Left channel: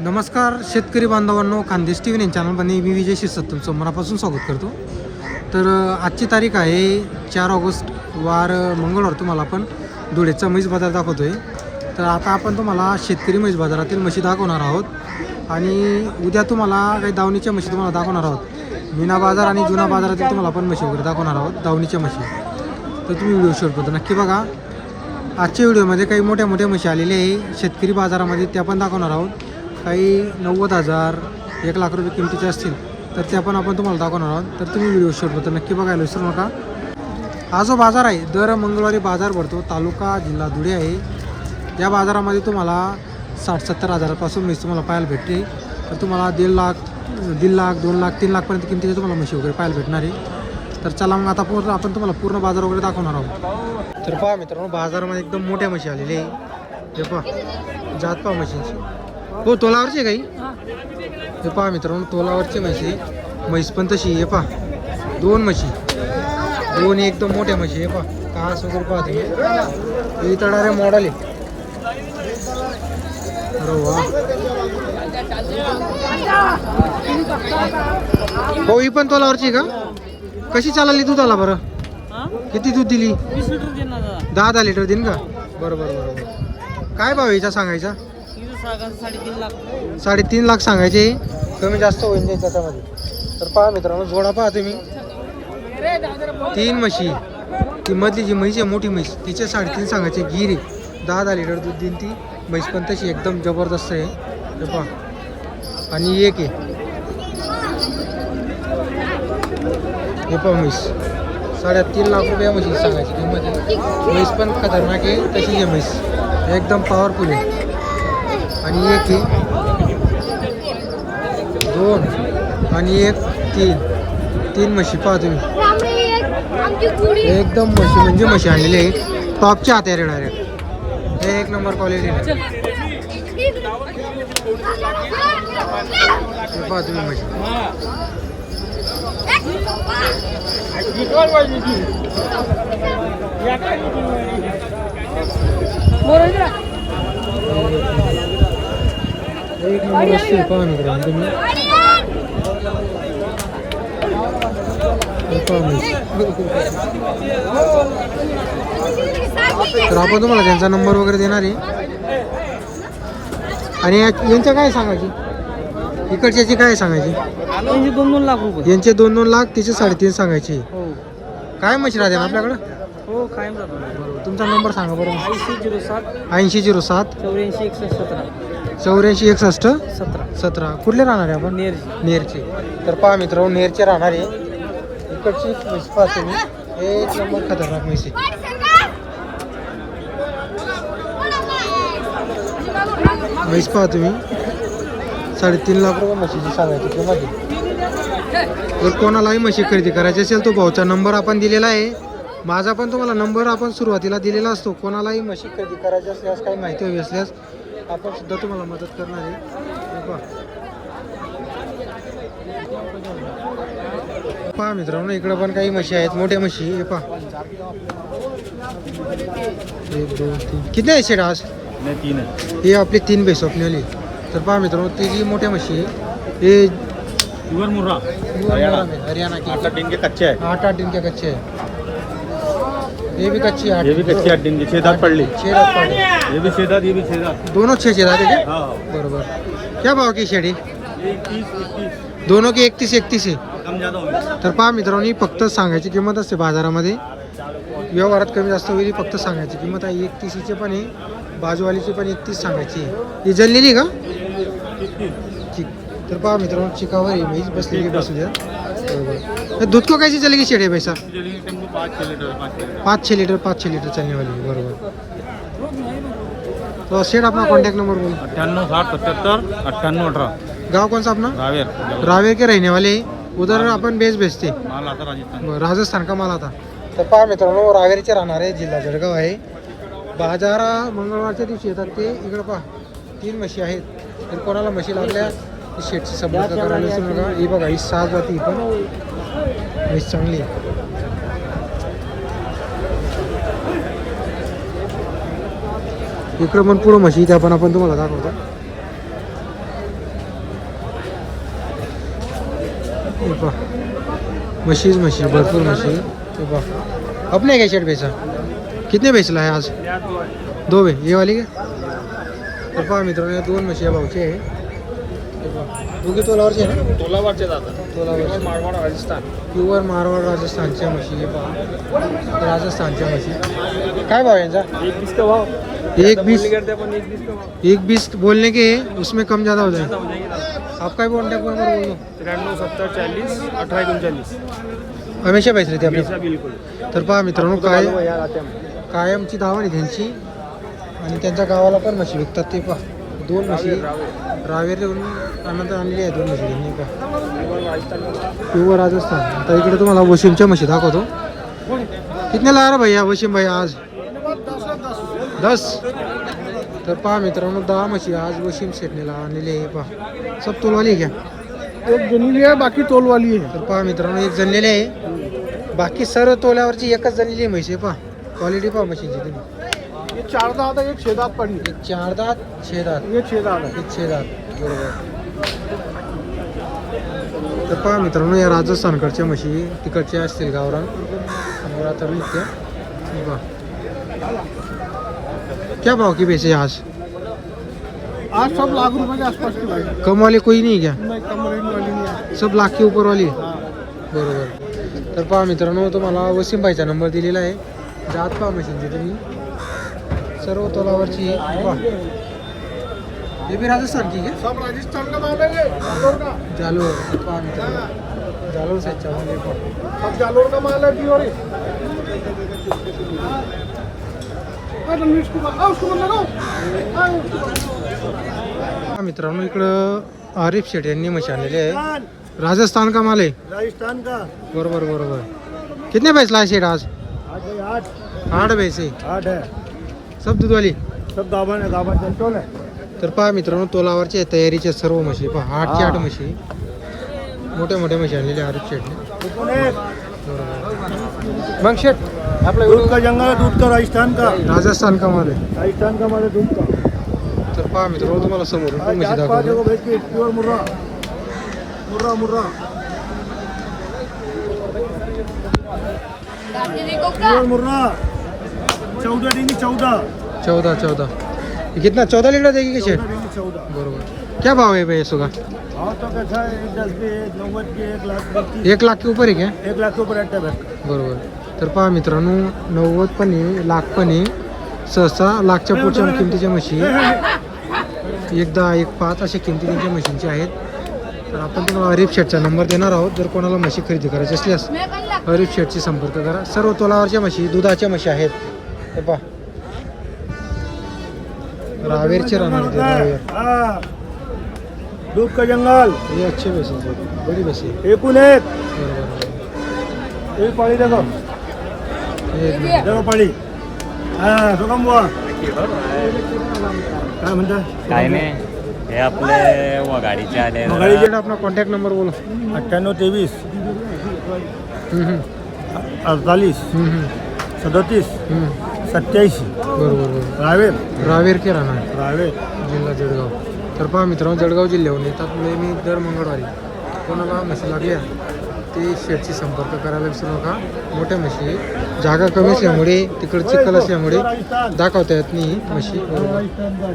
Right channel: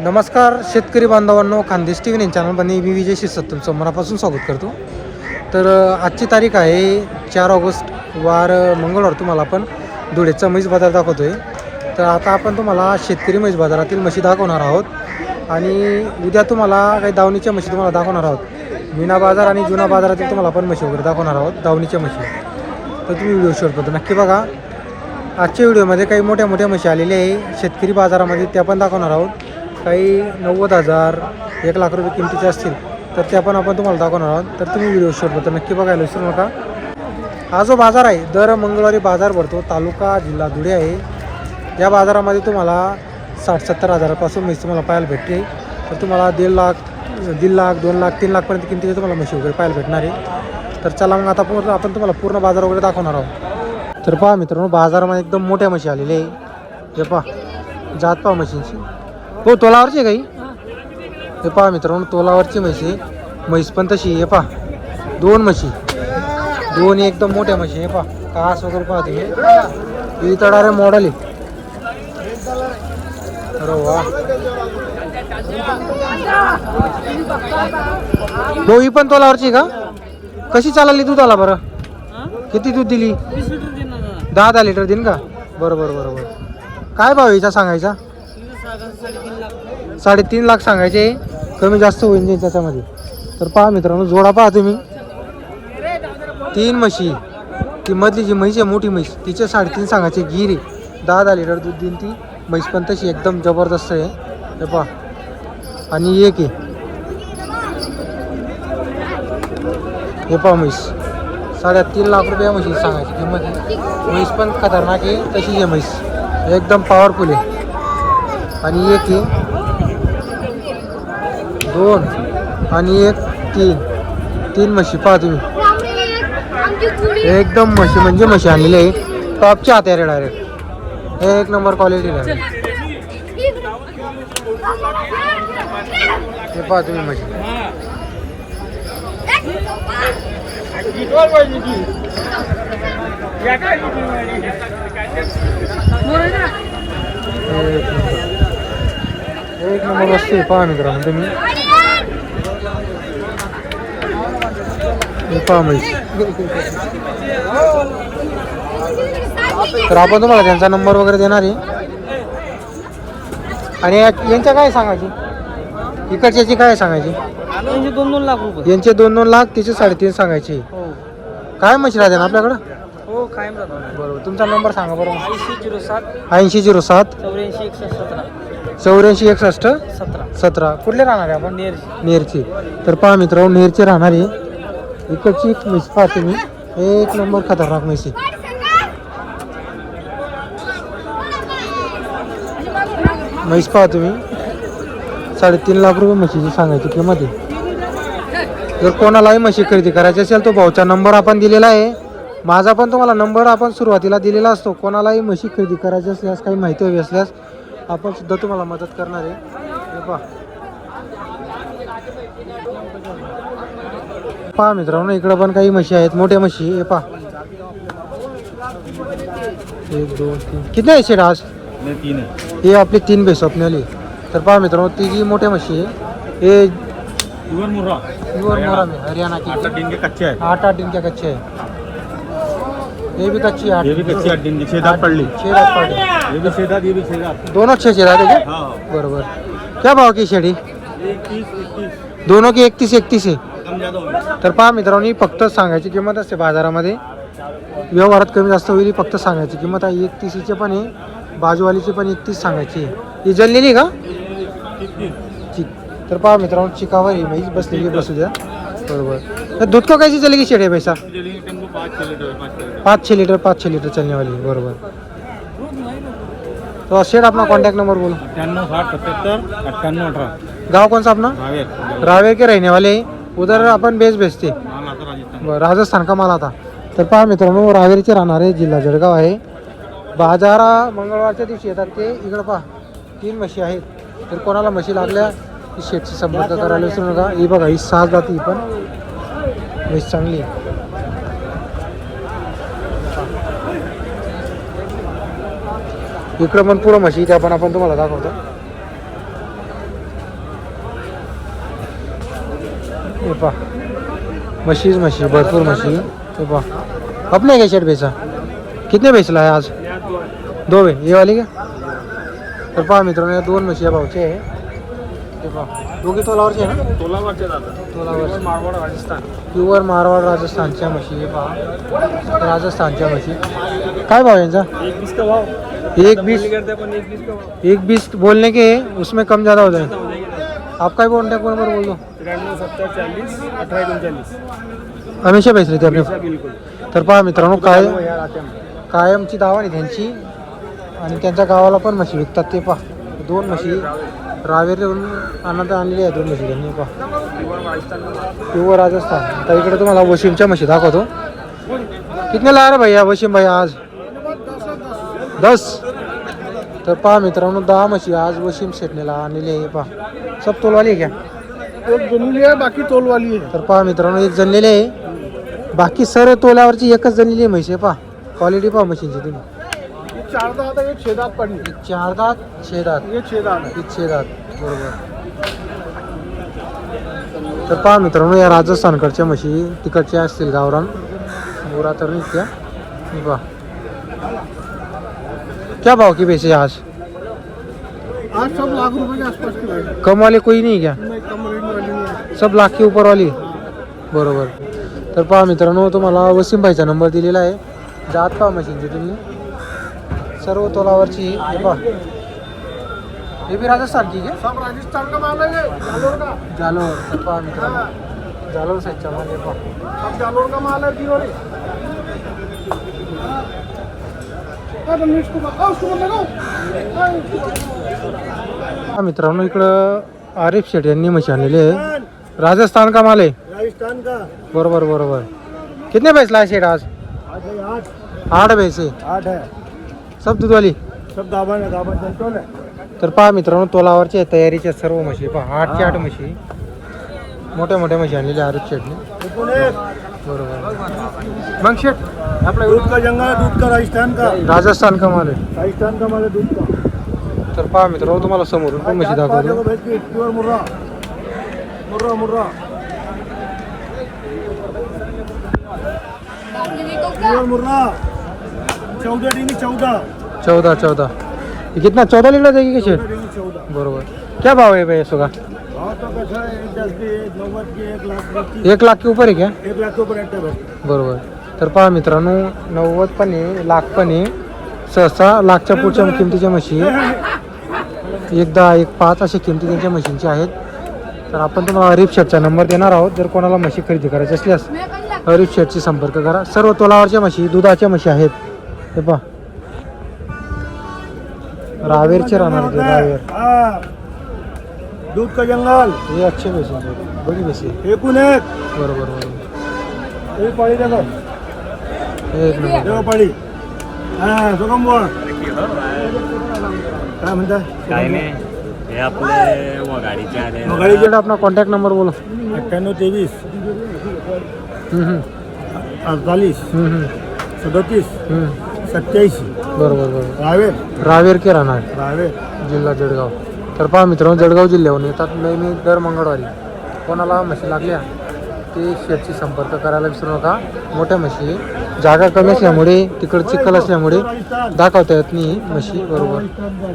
नमस्कार शेतकरी बांधवांनो, खानदेश टी व्ही चॅनलमध्ये मी विजय शिरसाट तुमचं मनापासून स्वागत करतो. तर आजची तारीख आहे 4 ऑगस्ट वार मंगळवार. तुम्हाला आपण धुळेचा म्हैस बाजार दाखवतो आहे. तर आता आपण तुम्हाला शेतकरी म्हैस बाजारातील म्हशी दाखवणार आहोत आणि उद्या तुम्हाला काही दावणीच्या म्हशी तुम्हाला दाखवणार आहोत. मीना बाजार आणि जुना बाजारातील तुम्हाला आपण म्हशी वगैरे दाखवणार आहोत, दावणीच्या म्हशी. तर तुम्ही व्हिडिओ शेवटपर्यंत नक्की बघा. आजच्या व्हिडिओमध्ये काही मोठ्या मोठ्या म्हशी आलेल्या आहे शेतकरी बाजारामध्ये, त्या पण दाखवणार आहोत. काही 90,000 1 लाख रुपये किमतीचे असतील तर त्या पण आपण तुम्हाला दाखवणार आहोत. तर तुम्ही व्हिडिओ शेवटपर्यंत नक्की बघायला विसरू नका. हा जो बाजार आहे दर मंगळवारी बाजार भरतो. तालुका जिल्हा धुळे आहे. या बाजारामध्ये तुम्हाला 60-70 हजारापासून म्हशी तुम्हाला पाहायला भेटते. तर तुम्हाला 1.5 लाख 2 लाख 3 लाखपर्यंत किमतीचे तुम्हाला म्हशी वगैरे पाहायला भेटणार आहे. तर चला मग आता आपण तुम्हाला पूर्ण बाजार वगैरे दाखवणार आहोत. तर पहा मित्रांनो, बाजारामध्ये एकदम मोठ्या म्हशी आलेल्या आहे. हे पहा, जात पहा म्हशींची. हो, तोलावरची आहे काही. हे पहा मित्रांनो, तोलावरची म्हशी आहे. म्हैस पण तशी. हे पहा, 2 म्हशी, 2 एकदम मोठ्या म्हशी. हे पहा, कास वगैरे पहा तुम्ही. ही तडारे मॉडेल आहे. अरे वा, हो, ही पण तोलावरची का? कशी चालली दूधाला बरं? किती दूध दिली? 10 लिटर दिन का? बरोबर बरोबर. काय भाव याचा सांगायचा? 3.5 लाख सांगायचे. कमी जास्त होईल त्याच्यामध्ये. तर पहा मित्रांनो, जोडा पहा तुम्ही. 3 म्हशी. ती मधली जी म्हैस आहे मोठी म्हैस, तिचे 3.5 सांगायचे. गिरी 10 लिटर दूध देईन ती म्हैस पण तशी एकदम जबरदस्त आहे. हे पहा, आणि एक आहे. हे पहा म्हैस, 3.5 लाख रुपये म्हशी सांगायची किंमत आहे. म्हैस पण खतरनाक आहे, तशी आहे म्हैस, एकदम पॉवरफुल आहे. आणि एक आहे, 2 आणि एक 3 म्हशी पहा तुम्ही. एकदम म्हशी म्हणजे म्हशी आणलेली आहे. टॉपच्या हात आहे डायरेक्ट, एक नंबर क्वालिटी. हे पहा तुम्ही म्हशी. एक नंबर वस्तू पहा मित्रांनो तुम्ही. पहा म्हैस. तर आपण तुम्हाला त्यांचा नंबर वगैरे देणार आहे. आणि यांच्या काय सांगायची? इकडच्याची काय सांगायची? 2 लाख रुपये. यांचे 2 लाख, तिचे 3.5 सांगायचे. काय म्हशी राहते ना आपल्याकडं? हो, कायम राहतो. बरोबर. तुमचा नंबर सांगा बरोबर. 8007 84 61 17. कुठले राहणार आहे आपण? नेरची. तर पहा मित्रांनो, नेरचे राहणार आहे. इकडची म्हैस पहा तुम्ही, एक नंबर खतरनाक म्हैस आहे. म्हैस पहा तुम्ही, 3.5 लाख रुपये म्हशीची सांगायची किंमत आहे. जर कोणालाही म्हशी खरेदी करायची असेल तो भाऊचा नंबर आपण दिलेला आहे. माझा पण तुम्हाला नंबर आपण सुरुवातीला दिलेला असतो. कोणालाही म्हशी खरेदी करायची असल्यास, काही माहिती हवी असल्यास आपण सुद्धा तुम्हाला मदत करणार आहे. हे पहा मित्रांनो, इकडं पण काही म्हशी आहेत, मोठ्या म्हशी. हे पहा, 1 2 3. किती आहे शेड आज? 3 आहे. हे आपली 3 म्हैस स्वप्नाली. तर पहा मित्रांनो, तिघी मोठ्या म्हशी आहे. हे प्योर मुर्रा में हरियाणा की 8 दिन के कच्चे है. 8 दिन के कच्चे है. ये भी कच्ची है. ये भी कच्ची 8 दिन की 6 दांत पडली. 6 दात पडले. ये भी 6 दांत, ये भी 6 दांत. दोनों 6 दात है क्या? हाँ. बरोबर. क्या भाव की शेडी? 21 दोनों की 31 आहे. कम ज्यादा होगी. तर पहा मित्रांनो, फक्त सांगायची किंमत असते बाजारामध्ये. व्यवहारात कमी जास्त होईल. फक्त सांगायची किंमत आहे 31 पण आहे. बाजूवालीची पण 31 सांगायची आहे. ही जळलेली का? चिक. तर पहा मित्रांनो, चिकावर ही म्हैस बसलेली, बसू द्या. बरोबर. तर दूध को कैसी चलेगी शेड है पैसा? 5-6 लीटर चलने वाली है. बरोबर. तो शेड अपना कॉन्टैक्ट नंबर बोलो. 98 60 77 98 18. गाँव कौन सा अपना? रावेर के रहने वाले. उधर आपण बेस बेचते. माल आता राजस्थान. राजस्थान का माल आता. तर पहा मित्रांनो, रावेरचे राहणारे, जिल्हा जळगाव आहे. बाजारा मंगळवारच्या दिवशी येतात ते. इकडं पहा 3 म्हशी आहेत. तर कोणाला म्हशी लागल्या शेटशी संपर्क करायला विसरू नका. ही बघा, ही 6 जाती, ही पण म्हैस चांगली. इकडं पण पुढं म्हशी त्या पण आपण तुम्हाला दाखवतो. ये पा मशीज मशी भरपूर मशी ये पा अपने क्या शेट बेचा कितने बेचला आहे आज दो बे ये वाली का तर पहा मित्रांनो या दोन म्हशी या भाऊचे आहे हे पहा दोघे तोलावरचे आहे ना तोलावरचे मारवाड राजस्थान प्युअर मारवाड राजस्थानच्या म्हशी हे पहा राजस्थानच्या म्हशी काय भाव यांचा 1 का भाव 1.20 करते अपन 1 का भाव 1.20 बोलने के उसमें कम ज़्यादा हो जाए आप काय कॉन्टॅक्ट नंबर बोल दो 93 70 40 18 39 हमेशा बेच रहे थे आपले बिलकुल तर पहा मित्रांनो काय कायमची दावा आहे त्यांची आणि त्यांच्या गावाला पण म्हशी विकतात ते पहा दोन म्हशी रावेरून आणलेली आहे दोन म्हशी त्यांनी पहा प्युअर राजस्थान आता इकडे तुम्हाला वशिमच्या म्हशी दाखवतो कितने ला रहा भैया वशिम भैया आज 10 तर पहा मित्रांनो 10 म्हशी आज वशिम शेटणीला आणलेली आहे पहा सब तोलवाली आहे क्या एक जमीली है बाकी तोल वाली है तर पहा मित्रांनो एक जणलेले आहे बाकी सर्व तोल्यावरची एकच जणलेली आहे म्हशी आहे पहा क्वालिटी पहा म्हशींची तुम्ही ये 4 दांत है एक 6 दांत पड़ी एक 4 दात 6 दात ये 6 दांत है एक 6 दात बरोबर तर पहा मित्रांनो या राजस्थानकडच्या म्हशी तिकडच्या असतील गावरान मोरा तर निघत्या हे पहा क्या भाव की बेचे आज आज सब लाख रुपए के आसपास की भाई कम वाले कोई नहीं क्या नहीं कम रेंज वाली नहीं है सब लाख के ऊपर वाली बरोबर तर पहा मित्रांनो तुम्हाला वसीम भाईचा नंबर दिलेला आहे जात पहा मशीनची तुम्ही सर्व तोलावरची हे पहा हे भी राजस्थान की है सब राजस्थान का माल है जालोर का जालोर तर पहा मित्रांनो जालोर साईडचा माल आहे पहा सब जालोर का माल है प्योर हा मित्रांनो इकडं आरिफ शेठ यांनी म्हशी आणलेली आहे राजस्थान का माल आहे राजस्थान का बरोबर बरोबर कितने बेचला है शेठ आज आज है 8 बेचे 8 है सब दूध वाली सब गाभा है गाभा चंचल है तर पहा मित्रांनो तोलावरच्या आहे तयारीच्या सर्व म्हशी पहा 8 च्या 8 म्हशी मोठ्या मोठ्या म्हशी आणलेल्या आरिफ शेठने बरोबर मग शेठ आपला दूध का जंगल है दूध का राजस्थान का राजस्थान का माल आहे राजस्थान का माल है दूध का तर पहा मित्रांनो तुम्हाला समोरून पण म्हशी दाखवतो प्योर मुर्रा मुर्रा मुर्रा प्योर मुर्रा 14 डिंगी 14 14 ये कितना 14 लीटर देगी क्या शेठ 14 बरोबर क्या भाव है भैया इसका हाँ तो कैसा है 10 के 90 के 1 लाख 1 लाख के ऊपर आहे क्या 1 लाख के ऊपर रहता है बरोबर तर पहा मित्रांनो 90 पण आहे लाख पण आहे सहसा लाखच्या पुढच्या किमतीच्या म्हशी आहे 1 10 1 5 अशा किमती त्यांच्या म्हशींच्या आहेत तर आपण तुम्हाला हरीफ शेटचा नंबर देणार आहोत जर कोणाला म्हशी खरेदी करायची असल्यास हरीफ शेटशी संपर्क करा सर्व तोलावरच्या म्हशी दुधाच्या म्हशी आहेत हे पहा रावेरचे राहणार ते रावेर हाँ दूध का जंगल हे अच्छे बेसी बड़ी बेसी एक उन एक बरोबर बरोबर एक पड़ी देखो एक नंबर देखो पड़ी हाँ सुगम हुआ काय म्हणता काय नाही हे आपले वगाडीचे आले वगाडी शेट अपना कॉन्टॅक्ट नंबर बोलो 98 हम्म, 23 हम्म, 37 हम्म. 87 बरोबर बरोबर रावेर रावेर के राहणार रावेर जिल्हा जळगाव तर पहा मित्रांनो जळगाव जिल्ह्याहून येतात नेहमी दर मंगळवारी कोणाला म्हशी लागल्या ते शेटशी संपर्क करायला विसरू नका मोठ्या म्हशी जागा कमी असल्यामुळे तिकडं चिखल असल्यामुळे दाखवता येत नाही म्हशी बरोबर